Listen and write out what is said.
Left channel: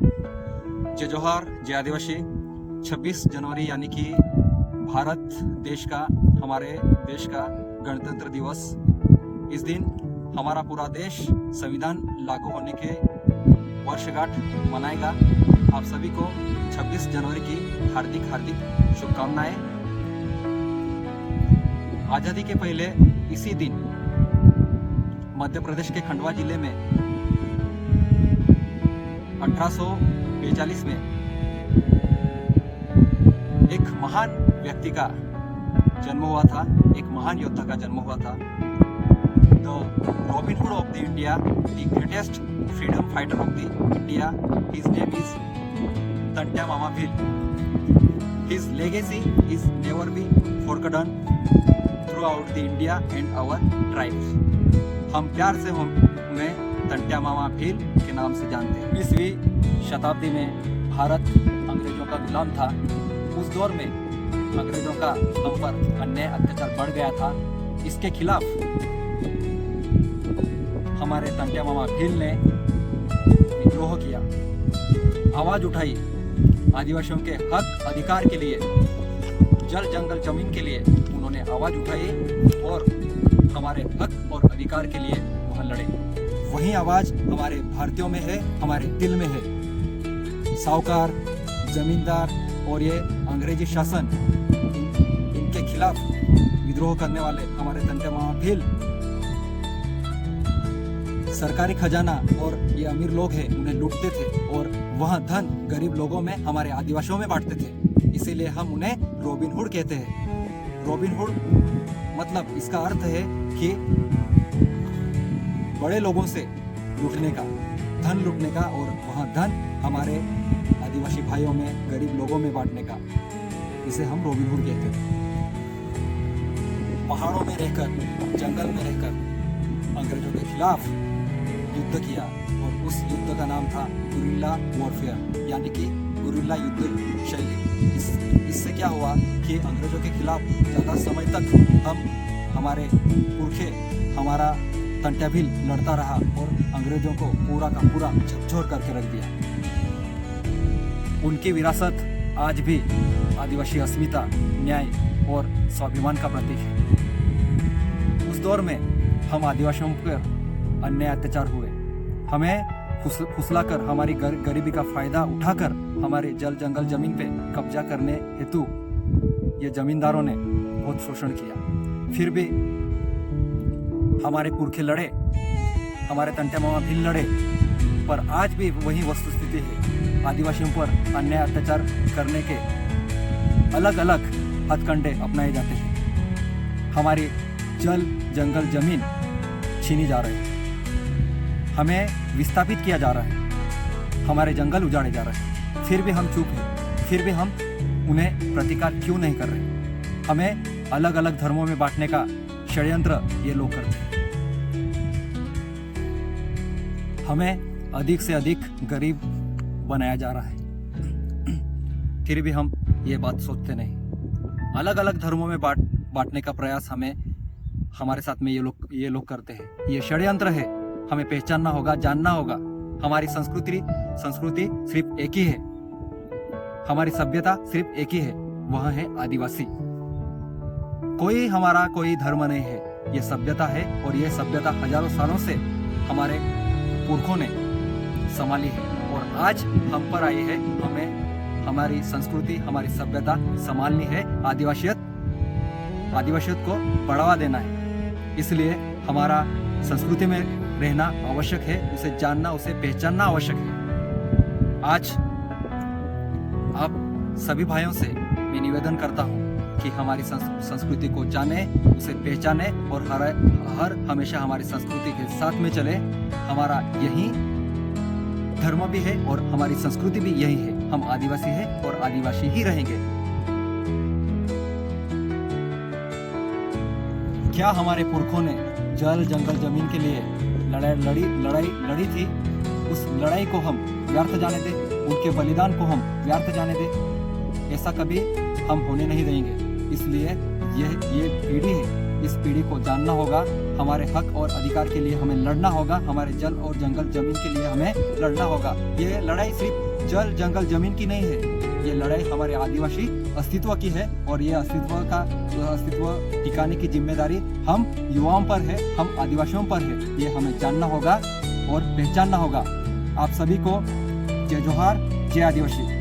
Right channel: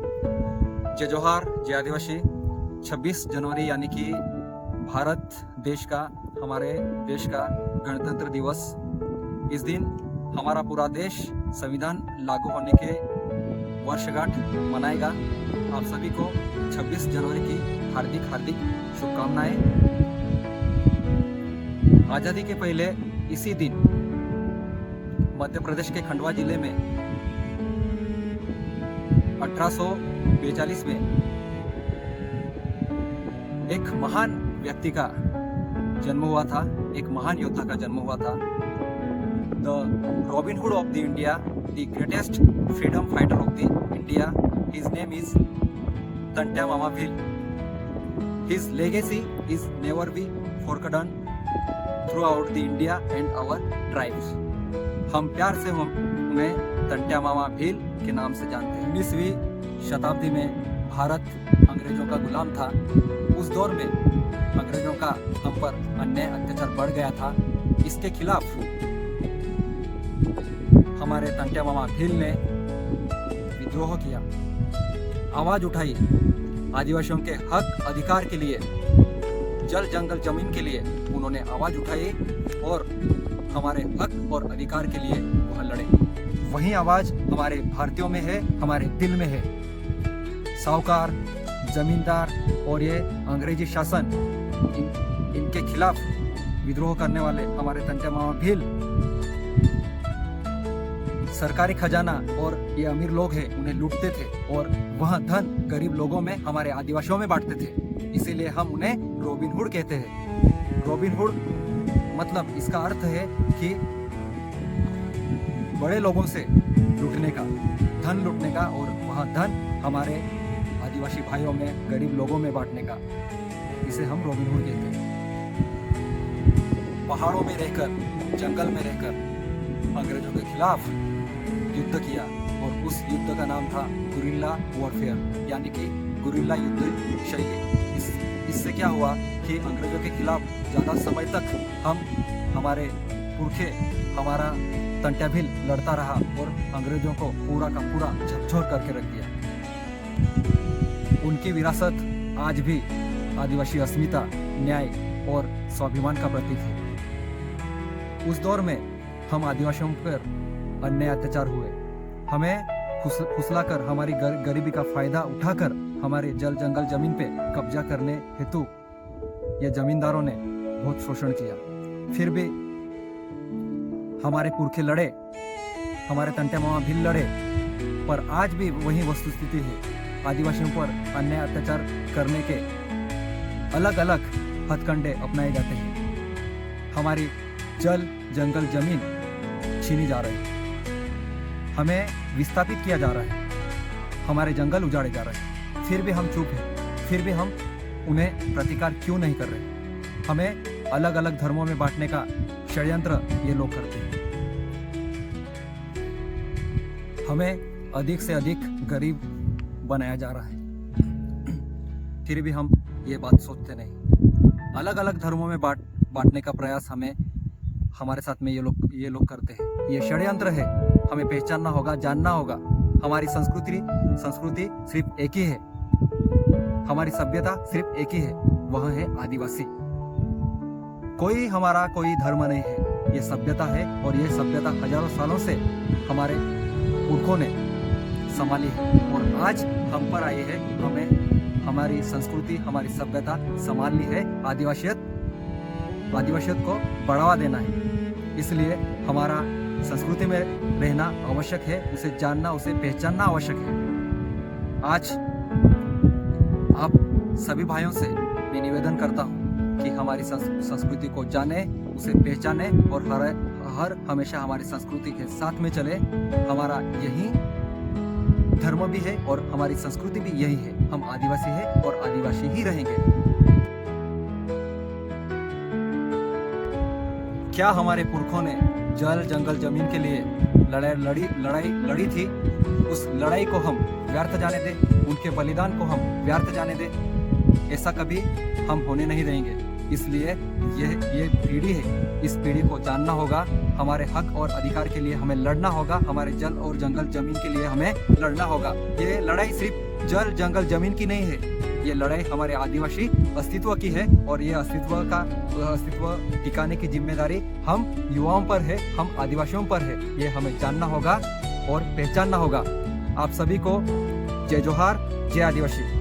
जय जोहार, जय आदिवासी। 26 जनवरी यानी कि भारत देश का, हमारे देश का गणतंत्र दिवस। इस दिन हमारा पूरा देश संविधान लागू होने के वर्षगांठ मनाएगा। आप सभी को 26 जनवरी की हार्दिक हार्दिक शुभकामनाएं। आज़ादी के पहले इसी दिन मध्य प्रदेश के खंडवा जिले में 1842 में एक महान व्यक्ति का जन्म हुआ था, एक महान योद्धा का जन्म हुआ था। The Robin Hood of the India, the greatest freedom fighter of the India, his name is Tantya Mama Bhil. His legacy is never be forgotten throughout the India and our tribes. हम प्यार से उन्हें तंट्या मामा भील के नाम से जानते हैं। 19वीं शताब्दी में भारत अंग्रेजों का गुलाम था। उस दौर में अंग्रेजों का हम पर अन्याय अत्याचार बढ़ गया था। इसके खिलाफ हमारे तंट्या मामा भील ने विद्रोह किया, आवाज उठाई, आदिवासियों के हक अधिकार के लिए, जल जंगल जमीन के लिए उन्होंने आवाज उठाई और हमारे हक और अधिकार के लिए वह लड़े। वही आवाज हमारे भारतीयों में है, हमारे दिल में है। साहूकार, जमींदार और ये अंग्रेजी शासन, इनके खिलाफ विद्रोह करने वाले हमारे तंट्या मामा भील सरकारी खजाना और ये अमीर लोग हैं उन्हें लूटते थे और वह धन गरीब लोगों में, हमारे आदिवासियों में बांटते थे। इसीलिए हम उन्हें रॉबिन हुड कहते हैं। रॉबिन हुड मतलब इसका अर्थ है कि बड़े लोगों से लूटने का, धन लूटने का, और वह धन हमारे आदिवासी भाइयों में, गरीब लोगों में बांटने का। इसे हम रॉबिन हुड कहते हैं। पहाड़ों में रहकर, जंगल में रहकर अंग्रेजों के खिलाफ युद्ध किया और उस युद्ध का नाम था गुरिल्ला वॉरफेयर, यानी कि गुरिल्ला युद्ध शैली। इससे क्या हुआ कि अंग्रेजों के खिलाफ ज़्यादा समय तक हमारे पुरखे, हमारा तंट्या भील लड़ता रहा और अंग्रेजों को पूरा का पूरा झकझोर करके रख दिया। उनकी विरासत आज भी आदिवासी अस्मिता, न्याय और स्वाभिमान का प्रतीक है। उस दौर में हम आदिवासियों पर अन्याय अत्याचार हुए, हमें फुसलाकर, हमारी गरीबी का फायदा उठाकर हमारे जल जंगल जमीन पे कब्जा करने हेतु ये जमींदारों ने बहुत शोषण किया। फिर भी हमारे पुरखे लड़े, हमारे तंट्या मामा भील लड़े, पर आज भी वही वस्तुस्थिति है। आदिवासियों पर अन्याय अत्याचार करने के अलग अलग हथकंडे अपनाए जाते हैं। हमारी जल जंगल जमीन छीनी जा रही है, हमें विस्थापित किया जा रहा है, हमारे जंगल उजाड़े जा रहे हैं। फिर भी हम चुप हैं, फिर भी हम उन्हें प्रतिकार क्यों नहीं कर रहे? हमें अलग अलग धर्मों में बांटने का षड्यंत्र ये लोग करते हैं। हमें अधिक से अधिक गरीब बनाया जा रहा है, फिर भी हम ये बात सोचते नहीं। अलग अलग धर्मों में बांटने का प्रयास हमारे साथ में ये लोग करते हैं। ये षड्यंत्र है। हमें पहचानना होगा, जानना होगा। हमारी संस्कृति सिर्फ एक ही है, हमारी सभ्यता सिर्फ एक ही है, वह है आदिवासी। कोई धर्म नहीं है, ये सभ्यता है और ये सभ्यता हजारों सालों से हमारे पुरखों ने संभाली है और आज हम पर आई है। हमें हमारी संस्कृति, हमारी सभ्यता संभालनी है। आदिवासियत को बढ़ावा देना है। इसलिए हमारा संस्कृति में रहना आवश्यक है, उसे जानना, उसे पहचानना आवश्यक है। आज आप सभी भाइयों से मैं निवेदन करता हूँ कि हमारी संस्कृति को जाने, उसे पहचाने और हर हमेशा हमारी संस्कृति के साथ में चले। हमारा यही धर्म भी है और हमारी संस्कृति भी यही है। हम आदिवासी हैं और आदिवासी ही रहेंगे। क्या हमारे पुरखों ने जल जंगल जमीन के लिए लड़ाई लड़ी थी? उस लड़ाई को हम व्यर्थ जाने दें, उनके बलिदान को हम व्यर्थ जाने दें? ऐसा कभी हम होने नहीं देंगे। इसलिए ये पीढ़ी है, इस पीढ़ी को जानना होगा। हमारे हक और अधिकार के लिए हमें लड़ना होगा, हमारे जल और जंगल जमीन के लिए हमें लड़ना होगा। ये लड़ाई सिर्फ जल जंगल जमीन की नहीं है। ये लड़ाई हमारे आदिवासी अस्तित्व की है और ये अस्तित्व टिकाने की जिम्मेदारी हम युवाओं पर है, हम आदिवासियों पर है। ये हमें जानना होगा और पहचानना होगा। आप सभी को जय जोहार, जय आदिवासी।